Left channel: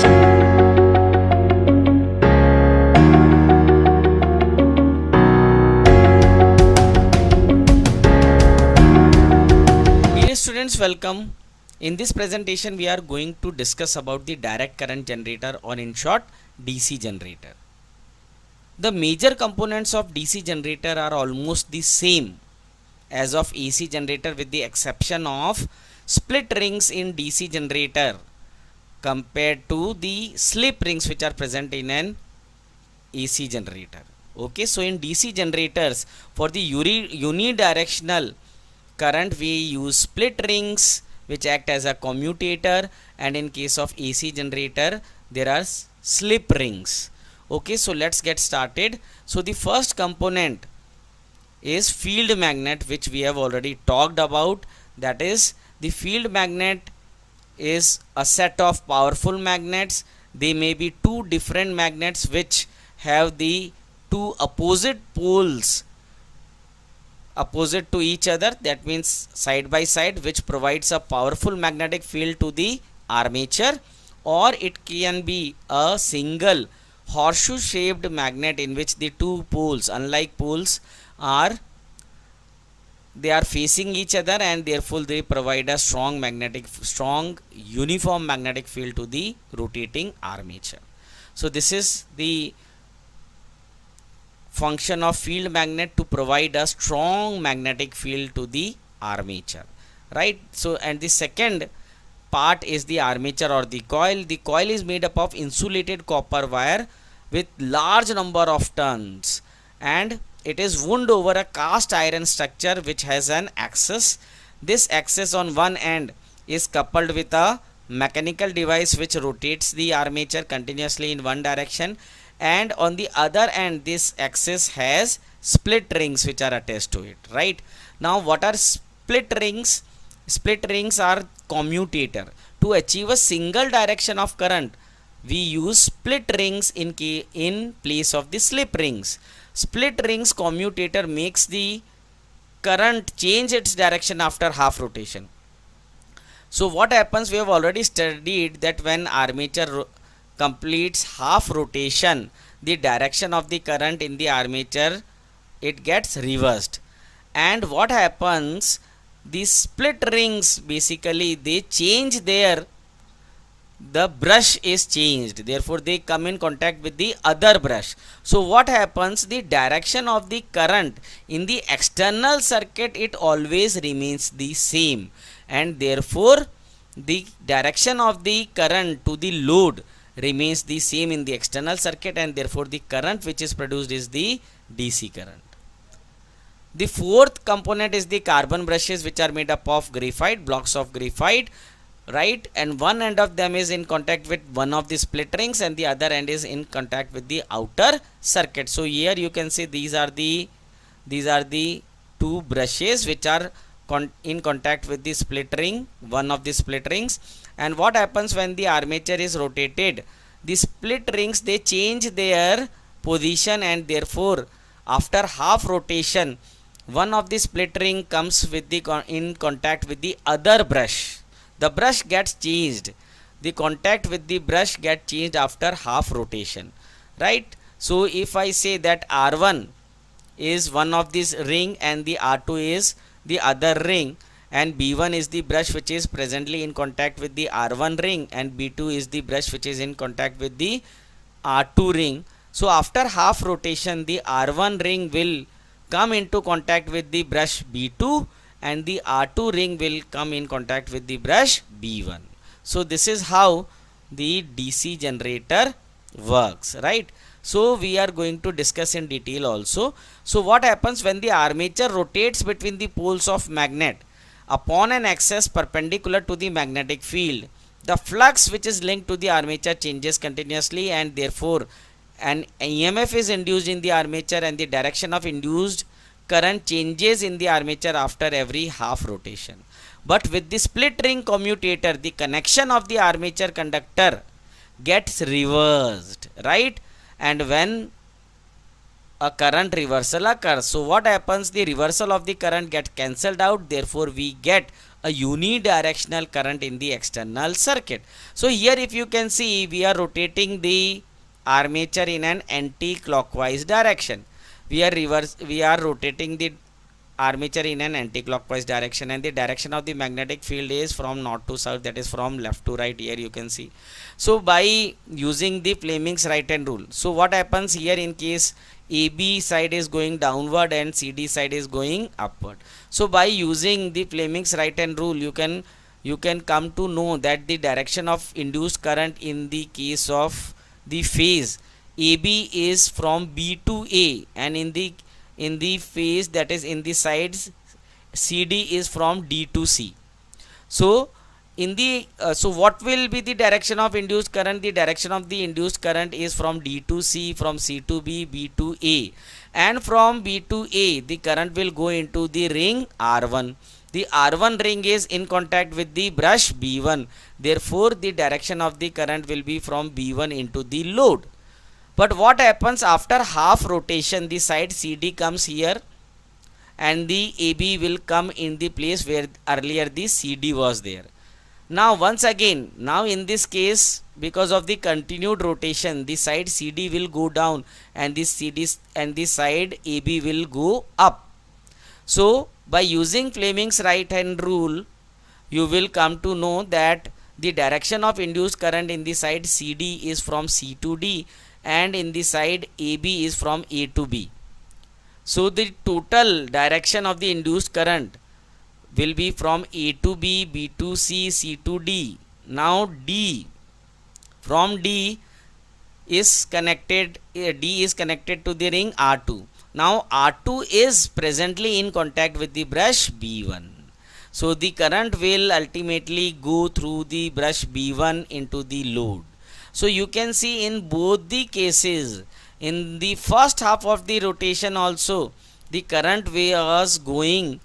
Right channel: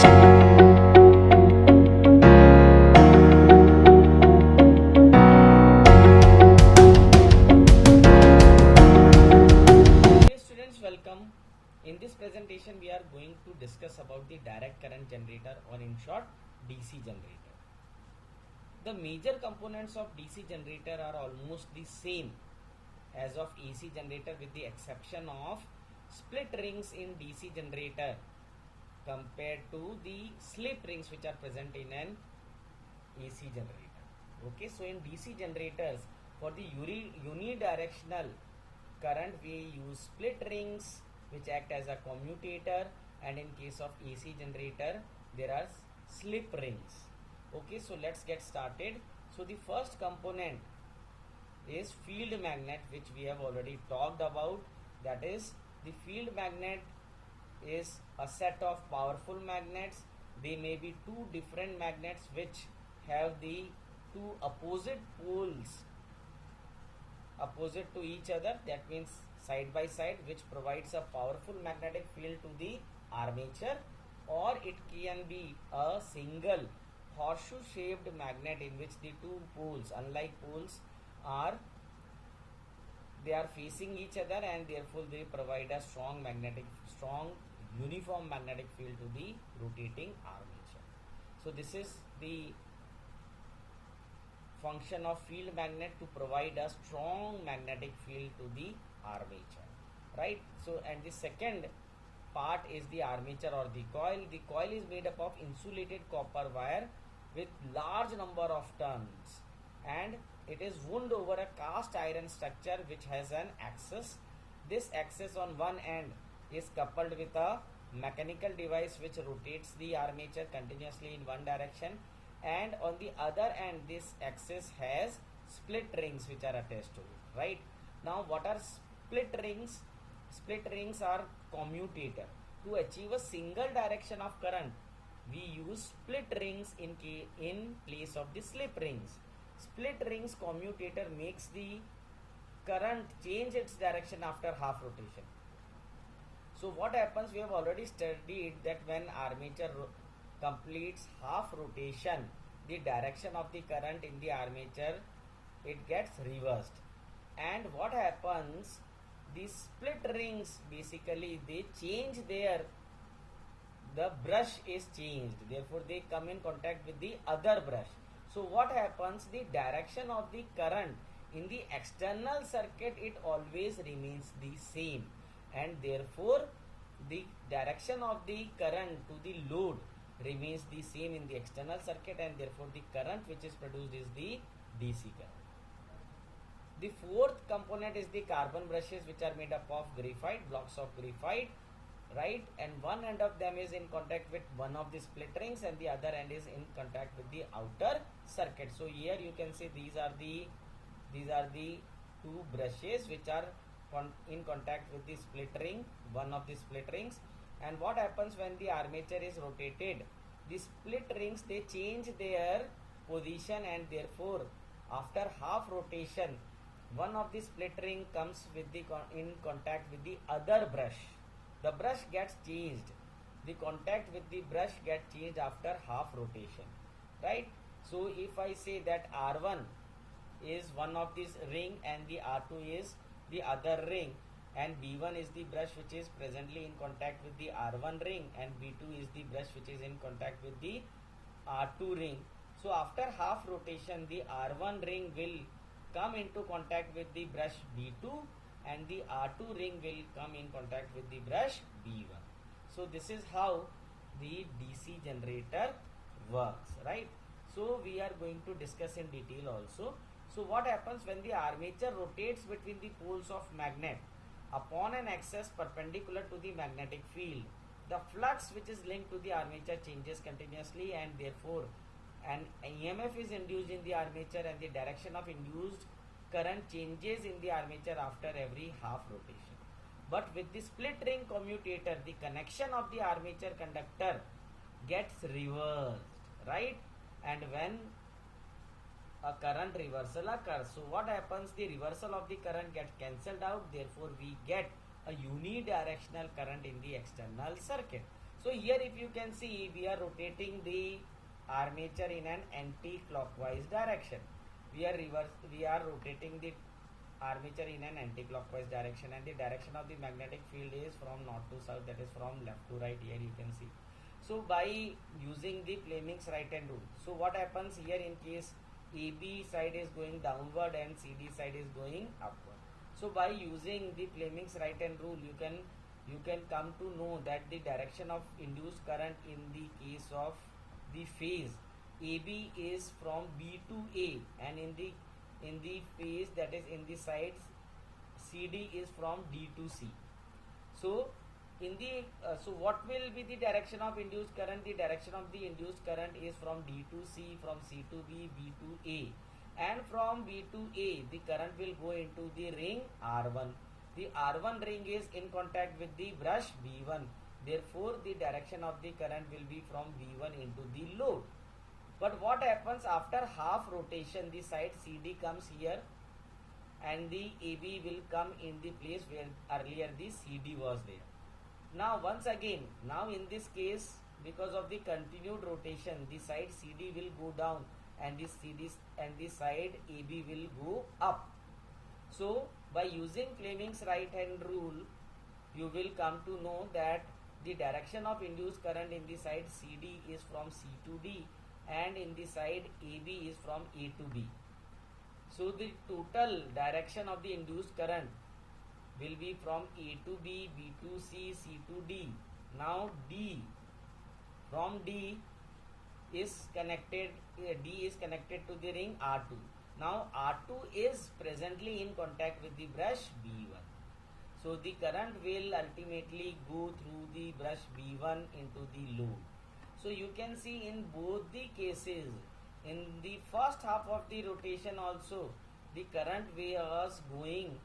Dear students, welcome. In this presentation we are going to discuss about the direct current generator, or in short DC generator. The major components of DC generator are almost the same as of AC generator, with the exception of split rings in DC generator compared to the slip rings which are present in an AC generator. Okay, so in DC generators, for the unidirectional current we use split rings which act as a commutator, and in case of AC generator there are slip rings. Okay, so let's get started. So the first component is field magnet, which we have already talked about. That is, the field magnet is a set of powerful magnets. They may be two different magnets which have the two opposite poles opposite to each other, that means side by side, which provides a powerful magnetic field to the armature. Or it can be a single horseshoe shaped magnet in which the two poles, unlike poles, they are facing each other, and therefore they provide a strong uniform magnetic field to the rotating armature. So this is the function of field magnet, to provide a strong magnetic field to the armature, right? So, and the second part is the armature or the coil. The coil is made up of insulated copper wire with large number of turns, and it is wound over a cast iron structure which has an axis. This axis on one end is coupled with a mechanical device which rotates the armature continuously in one direction, and on the other end this axis has split rings which are attached to it, right? Now what are split rings? Split rings are commutator. To achieve a single direction of current, we use split rings in place of the slip rings. Split rings commutator makes the current change its direction after half rotation. So what happens, we have already studied that when armature completes half rotation, the direction of the current in the armature, it gets reversed. And what happens, these split rings basically they change the brush is changed, therefore they come in contact with the other brush. So what happens, the direction of the current in the external circuit, it always remains the same, and therefore the direction of the current to the load remains the same in the external circuit, and therefore the current which is produced is the DC current. The fourth component is the carbon brushes, which are made up of graphite, blocks of graphite, right? And one end of them is in contact with one of the split rings, and the other end is in contact with the outer circuit. So here you can see these are the two brushes which are in contact with the split ring, one of the split rings. And what happens when the armature is rotated, the split rings they change their position, and therefore after half rotation one of the split ring comes with the in contact with the other brush. The brush gets changed, the contact with the brush gets changed after half rotation, right? So if I say that R1 is one of this ring and the R2 is the other ring, and B1 is the brush which is presently in contact with the R1 ring, and B2 is the brush which is in contact with the R2 ring. So after half rotation, the R1 ring will come into contact with the brush B2, and the R2 ring will come in contact with the brush B1. So this is how the DC generator works, right? So we are going to discuss in detail also. So what happens when the armature rotates between the poles of magnet upon an axis perpendicular to the magnetic field? The flux which is linked to the armature changes continuously, and therefore an EMF is induced in the armature, and the direction of induced current changes in the armature after every half rotation. But with the split ring commutator, the connection of the armature conductor gets reversed, right? And when a current reversal occurs, so what happens, the reversal of the current gets cancelled out, therefore we get a unidirectional current in the external circuit. So here if you can see, we are rotating the armature in an anti-clockwise direction. We are rotating the armature in an anti-clockwise direction, and the direction of the magnetic field is from north to south, that is from left to right. Here you can see. So by using the Fleming's right hand rule, so what happens here in case AB side is going downward and CD side is going upward? So by using the Fleming's right hand rule, you can come to know that the direction of induced current in the case of the phase AB is from B to A, and in the phase, that is in the sides, CD is from D to C. So in the so what will be the direction of induced current? The direction of the induced current is from D to C, from C to B, B to A, and from B to A the current will go into the ring R1. The R1 ring is in contact with the brush B1, therefore the direction of the current will be from B1 into the load. But what happens after half rotation? The side CD comes here and the AB will come in the place where earlier the CD was there. Now once again, now in this case, because of the continued rotation, the side CD will go down and the side AB will go up. So by using Fleming's right hand rule, you will come to know that the direction of induced current in the side CD is from C to D, and in the side AB is from A to B. So the total direction of the induced current will be from A to B, B to C, C to D. Now D, from D is connected to the ring R2. Now R2 is presently in contact with the brush B1. So the current will ultimately go through the brush B1 into the load. So you can see in both the cases, in the first half of the rotation also, the current was going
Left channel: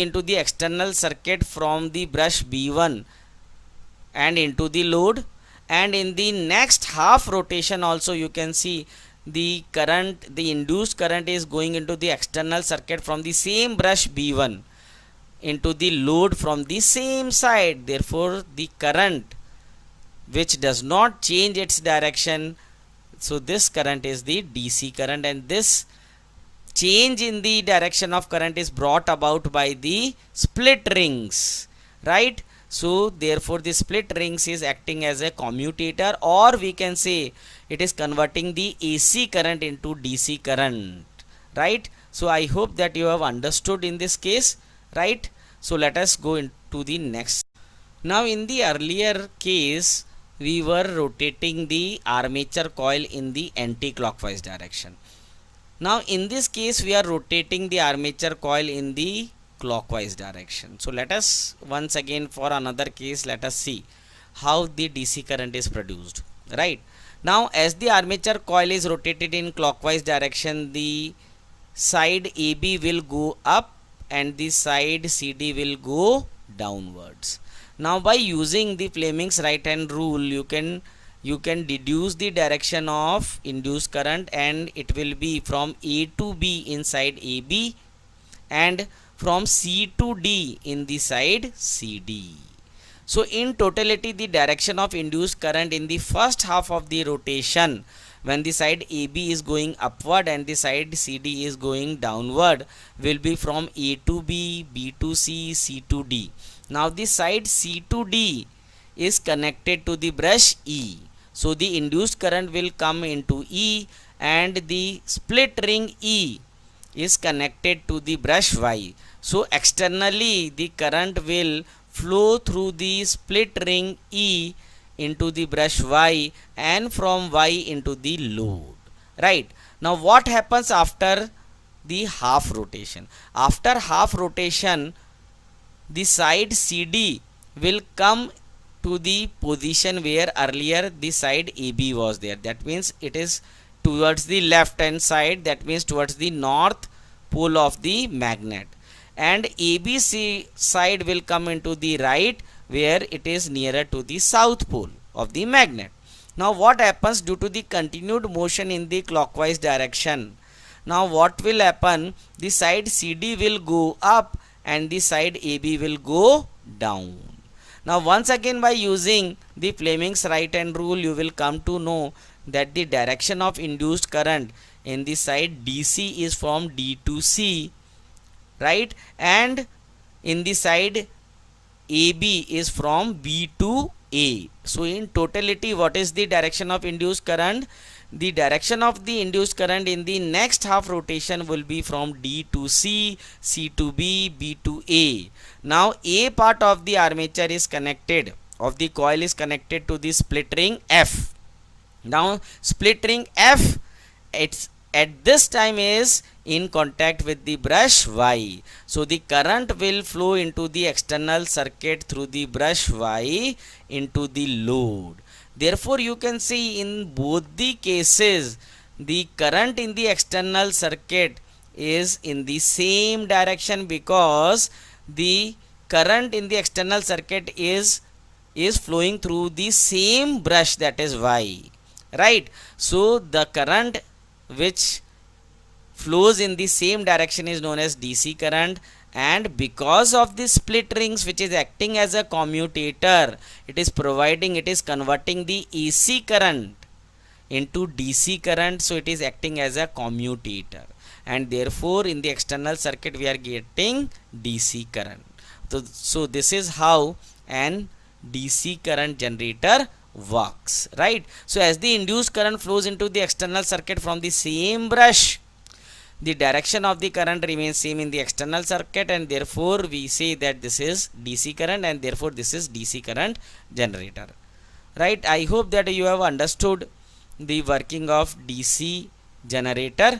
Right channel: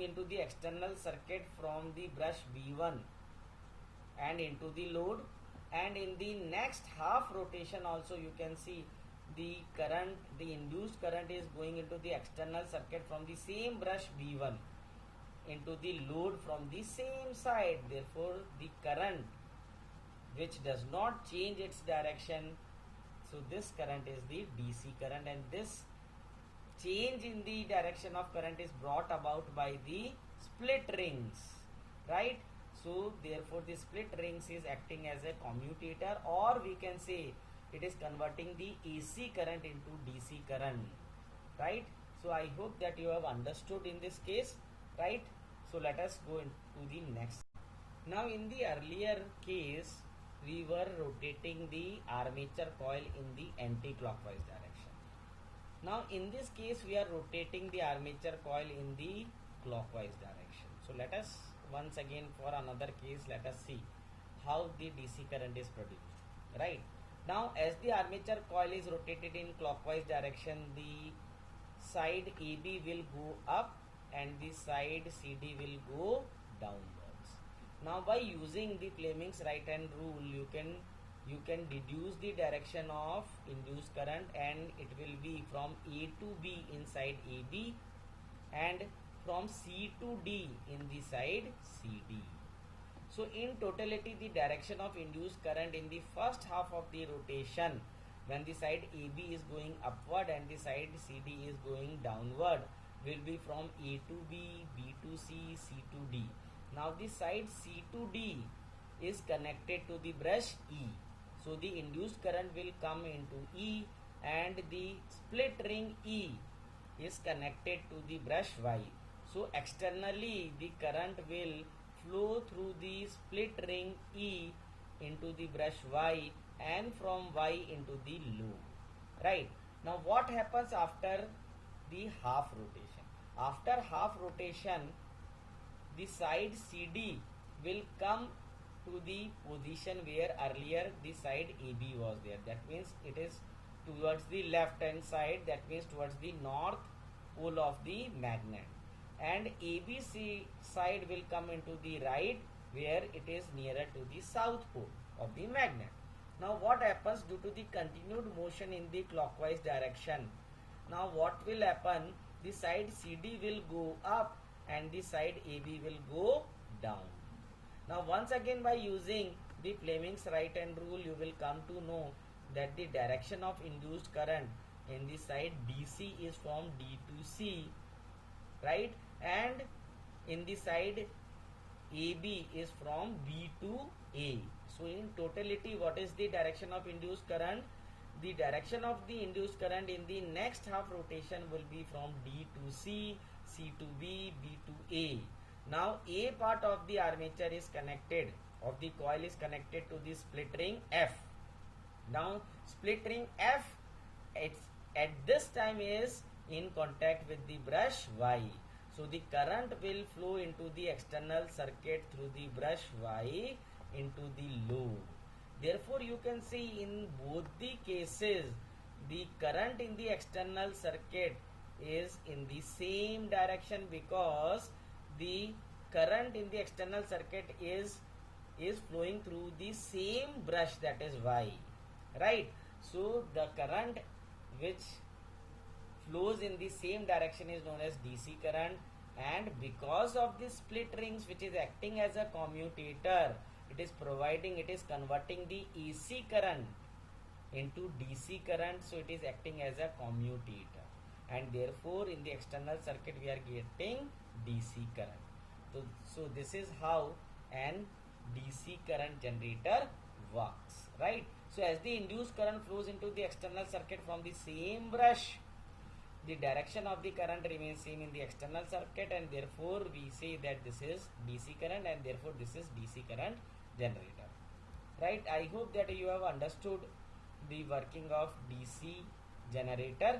into the external circuit from the brush B1 and into the load, and in the next half rotation also you can see the induced current is going into the external circuit from the same brush B1 into the load from the same side. Therefore the current which does not change its direction, so this current is the DC current, and this change in the direction of current is brought about by the split rings, right? So therefore the split rings is acting as a commutator, or we can say it is converting the AC current into DC current, right? So I hope that you have understood in this case, right? So let us go into the next. Now in the earlier case, we were rotating the armature coil in the anti-clockwise direction. Now in this case we are rotating the armature coil in the clockwise direction. So let us once again, for another case, let us see how the DC current is produced, right? Now as the armature coil is rotated in clockwise direction, the side AB will go up and the side CD will go downwards. Now by using the Fleming's right hand rule, you can deduce the direction of induced current, and it will be from A to B inside AB and from C to D in the side CD. So in totality, the direction of induced current in the first half of the rotation, when the side AB is going upward and the side CD is going downward, will be from A to B, B to C, C to D. Now the side C to D is connected to the brush E. So the induced current will come into E, and the split ring E is connected to the brush Y. So externally the current will flow through the split ring E into the brush Y, and from Y into the load, right? Now what happens after the half rotation? After half rotation, the side CD will come to the position where earlier the side AB was there. That means it is towards the left hand side, that means towards the north pole of the magnet, and ABC side will come into the right where it is nearer to the south pole of the magnet. Now what happens due to the continued motion in the clockwise direction? Now what will happen? The side CD will go up and the side AB will go down. Now once again, by using the Fleming's right hand rule, you will come to know that the direction of induced current in the side DC is from D to C, right, and in the side AB is from B to A. So in totality, what is the direction of induced current? The direction of the induced current in the next half rotation will be from D to C, C to B, B to A. Now A part of the armature is connected, of the coil is connected to the split ring F. Now split ring F, it's at this time is in contact with the brush Y. So the current will flow into the external circuit through the brush Y into the load. Therefore you can see in both the cases the current in the external circuit is in the same direction, because the current in the external circuit is flowing through the same brush, that is Y, right. So the current which flows in the same direction is known as DC current, and because of the split rings which is acting as a commutator, it is converting the AC current into DC current, so it is acting as a commutator, and therefore in the external circuit we are getting DC current. So this is how an DC current generator works, right. So as the induced current flows into the external circuit from the same brush, the direction of the current remains same in the external circuit, and therefore we say that this is DC current, and therefore this is DC current generator, right. I hope that you have understood the working of DC generator.